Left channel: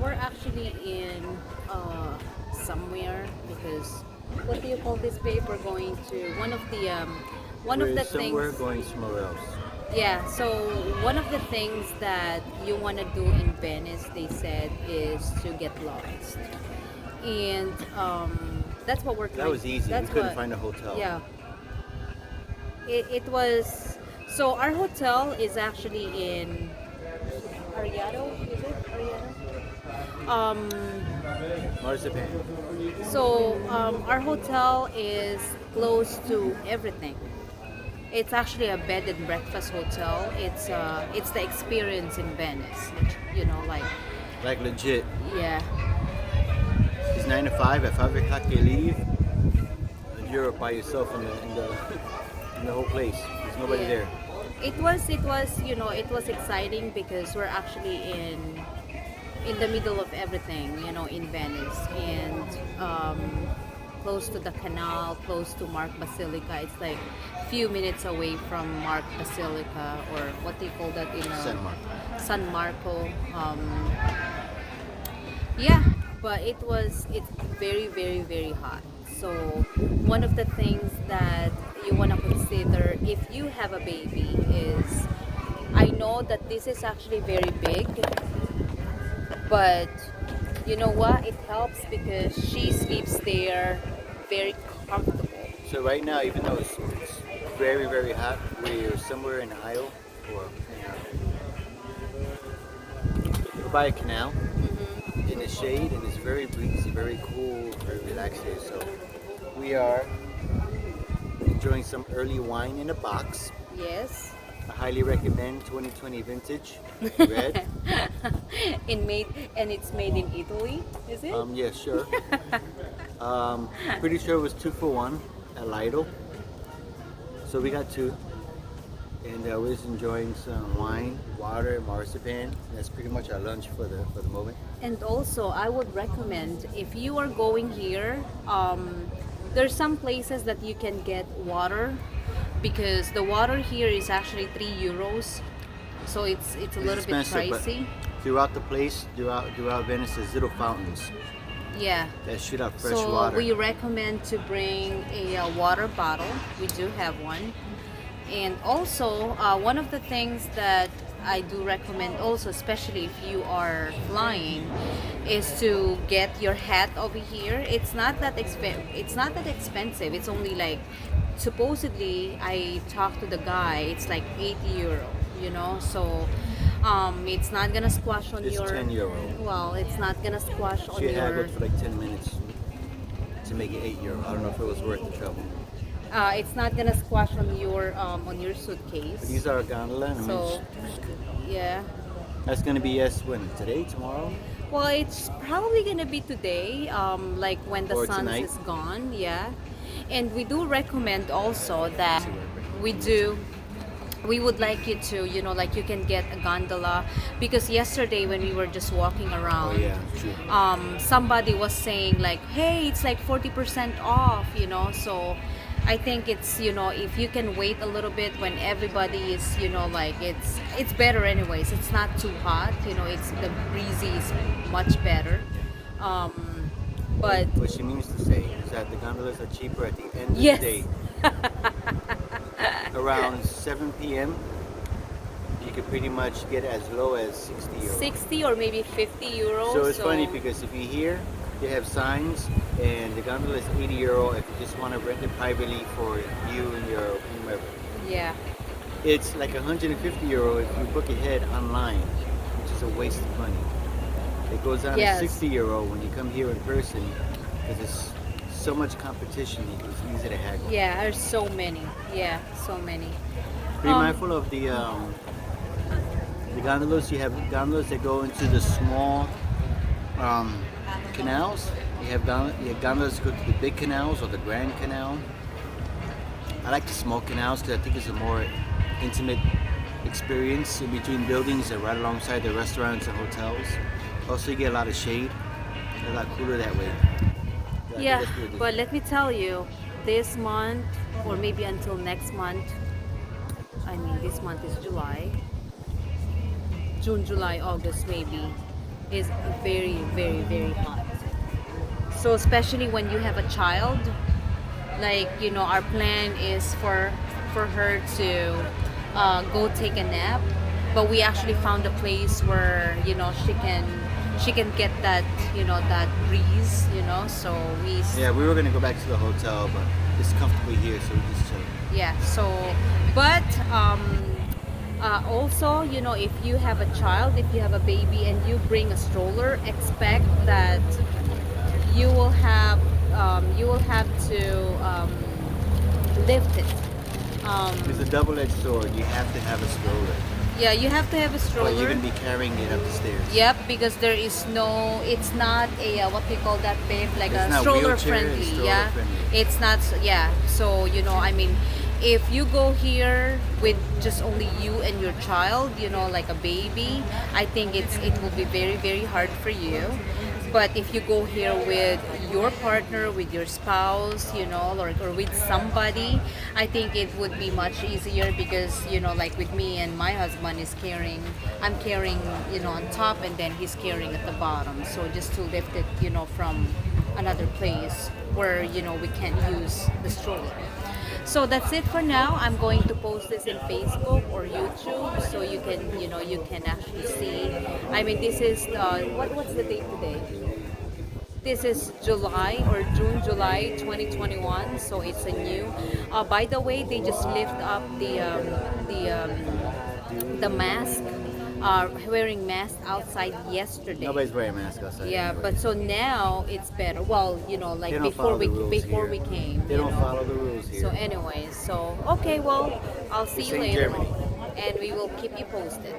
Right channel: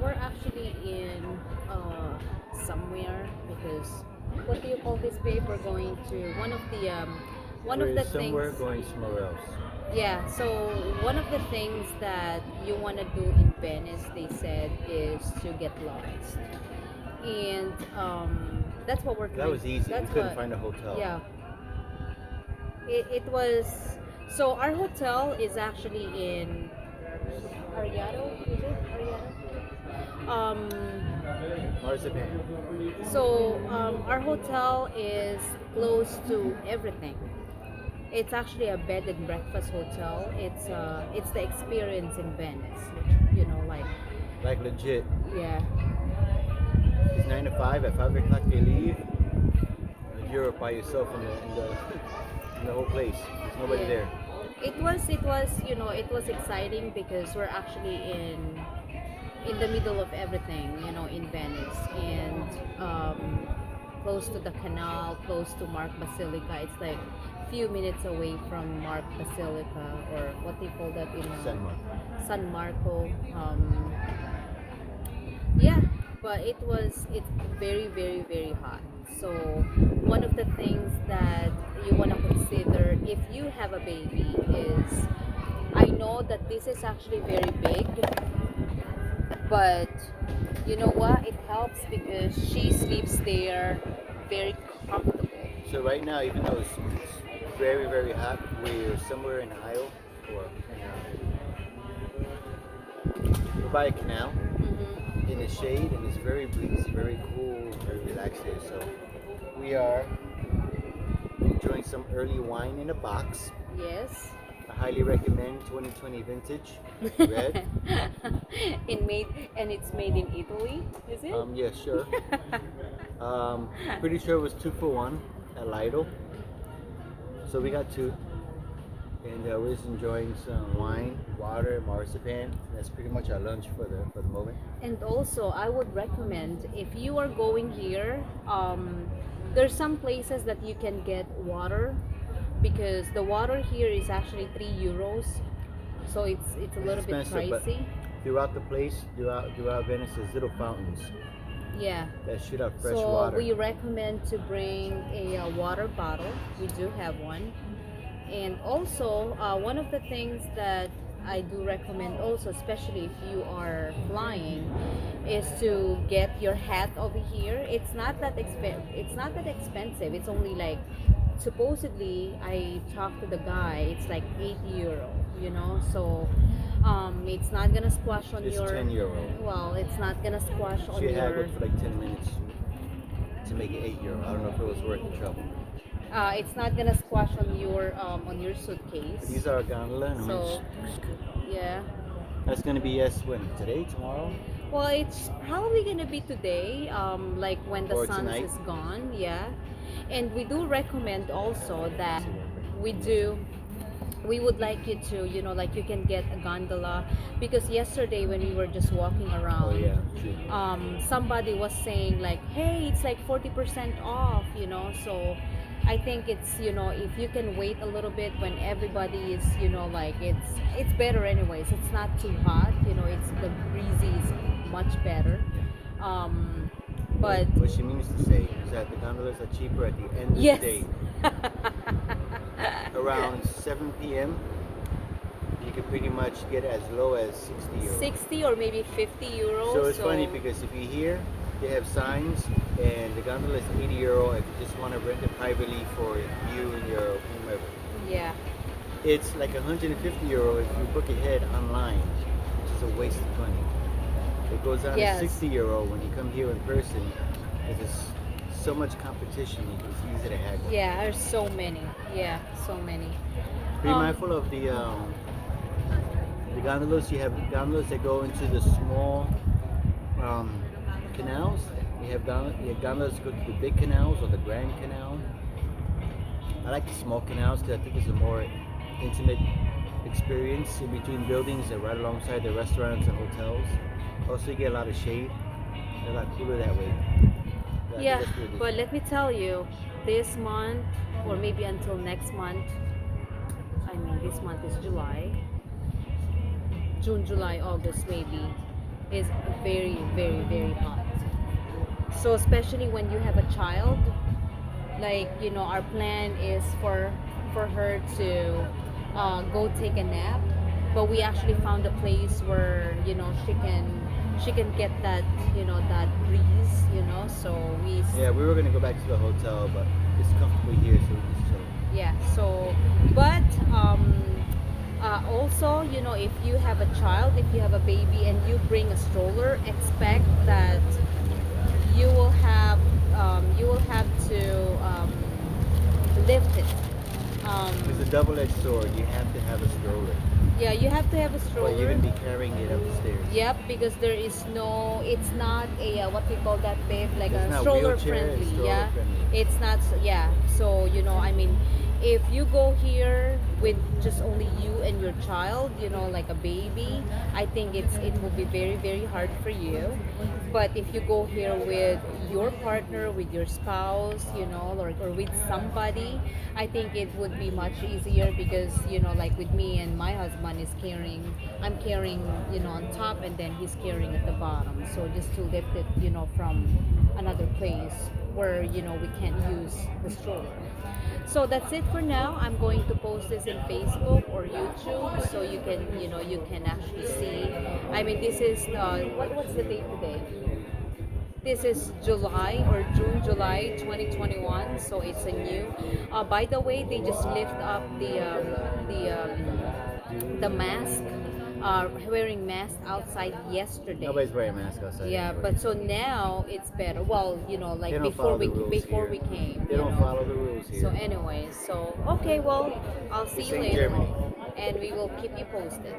we're actually in somewhere because what do you call this, babe? We're going to one of We're the things. somewhere going somewhere else. Yeah, so one of the things that you want to do in Venice, they said, is to get lost. And that's what we're That trying. was easy. We That's couldn't what, find a hotel. yeah. It was, so our hotel is actually in Ariado, is it? Ariado? Marzipan. Our hotel is close to everything. It's actually a bed and breakfast hotel. It's the experience in Venice. You know, like, Like legit. yeah, It's 9 to 5. At 5 o'clock they leave. And you're by yourself in the whole place. There's nobody yeah. there. It was exciting because we're actually in the middle of everything, in Venice, and close to the canal, close to Mark Basilica. It's like few minutes away from Mark Basilica, or what they call that in San Marco. San Marco. Yeah, but it's very, very, very hot. So one of the things that you want to consider if you have a baby is, I know that this is actually very big, but you know what? It helps because she sleeps there very comfortable. So right now, even though it's very, very hot, we're somewhere in Ohio, or we're by a canal in the shade, and it's very breezy, very cool, very relaxed here. So we are enjoying some early wine in a box. Yes. I highly recommend 2020 vintage red. It's made in Italy, is it? Yeah, sure. Pretty sure it was 2 for 1 at Lidl. So we got two, and we're just enjoying some wine, water, marzipan. That's pretty much our lunch for the moment. And also, I would recommend if you are going here, there's some places that you can get water because the water here is actually €3, so it's a It's little bit expensive, but pricey. throughout the place, throughout Venice, there's little fountains Yeah. that shoot out fresh So water. we recommend to bring a water bottle. We do have one. And also, one of the things that I do recommend also, especially if you are flying, is to get your hat over here. It's not that expensive. It's only like, supposedly, I talked to the guy. It's like €80. So it's not gonna squash on It's your. €10. Well, it's not gonna squash on She had your. it for like 10 minutes to make it €8. I don't know if it was worth the trouble. It's not gonna squash on your suitcase. These are a gondola. And So, yeah. that's gonna be yes when today, tomorrow. Well, it's probably gonna be today, like when the Or sun tonight. is gone. Yeah, and we do recommend also that we do. We would like you to, like you can get a gondola because yesterday when we were just walking around, Oh yeah, true. somebody was saying like, hey, it's like 40% off, so I think it's, if you can wait a little bit when everybody is, like it's better anyways. It's not too hot, it's the breezy is much better. But What she means to say is that the gondolas are cheaper at the end of yes. the day. Around 7 p.m., you can pretty much get as low as €60. 60 or maybe €50. So it's funny because if you hear, they have signs, and the gondola is €80 if you just want to rent it privately for you and your whomever. Yeah. It's like €150 if you book ahead online, which is a waste of money. It goes down Yes. to €60 when you come here in person. There's so much competition, it's easy to haggle. Yeah, there's so many. Yeah, so many. Be mindful of the gondolas. You have gondolas that go into the small canals. You have gondolas that go to the big canals or the Grand Canal. I like the small canals because I think it's a more intimate experience in between buildings that right alongside the restaurants and hotels. Also, you get a lot of shade. They're a lot cooler that way. I think Yeah, that's really good. but let me tell you, this month or maybe until next month, this month is July, June, July, August maybe, is very, very, very hot. So especially when you have a child, like our plan is for her to go take a nap, but we actually found a place where she can get that that breeze, so Yeah, we were gonna go back to the hotel, but it's comfortably here, so we just chill. yeah. So but also, if you have a child, if you have a baby and you bring a stroller, expect that you will have to lift it. It's a double-edged sword. You have to have a stroller, Yeah, you have to have a but you're stroller. gonna be carrying it up the stairs. Yep, because it's not a what do you call that, babe? Like It's a not stroller wheelchair, it's friendly. stroller Yeah, friendly. it's not. Yeah, so I mean, if you go here with just only you and your child, like a baby, I think it will be very, very hard for you. But if you go here with your partner, with your spouse, or with somebody, I think it would be much easier because, like with me and my husband I'm carrying, on top and then he's carrying at the bottom. So just to lift it, from another place where, we can't use the stroller. So that's it for now. I'm going to post this in Facebook or YouTube so you can actually see. I mean, this is what's the date today? This is July or June, July 2021. So it's a new. By the way, they just lift up the mask, wearing mask outside yesterday. Nobody's wearing a mask outside. Yeah, anyway. but so now it's better. Well, They like don't follow the rules before here. we came. They don't follow the rules here. So anyways, so okay, well, I'll see This you ain't later, Germany. and we will keep you posted.